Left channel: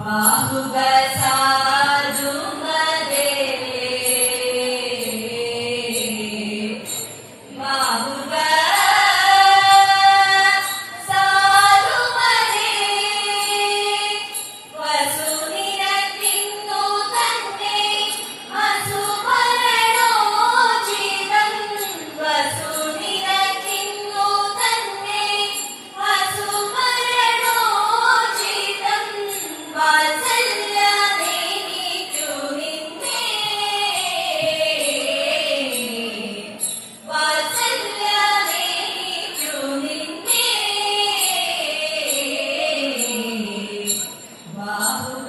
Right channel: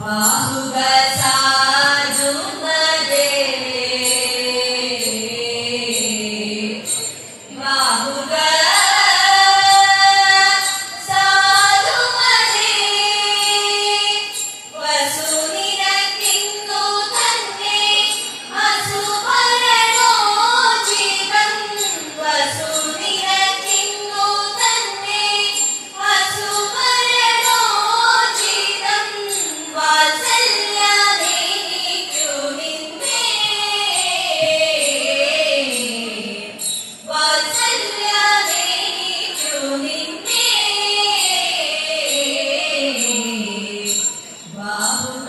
Wow. Babu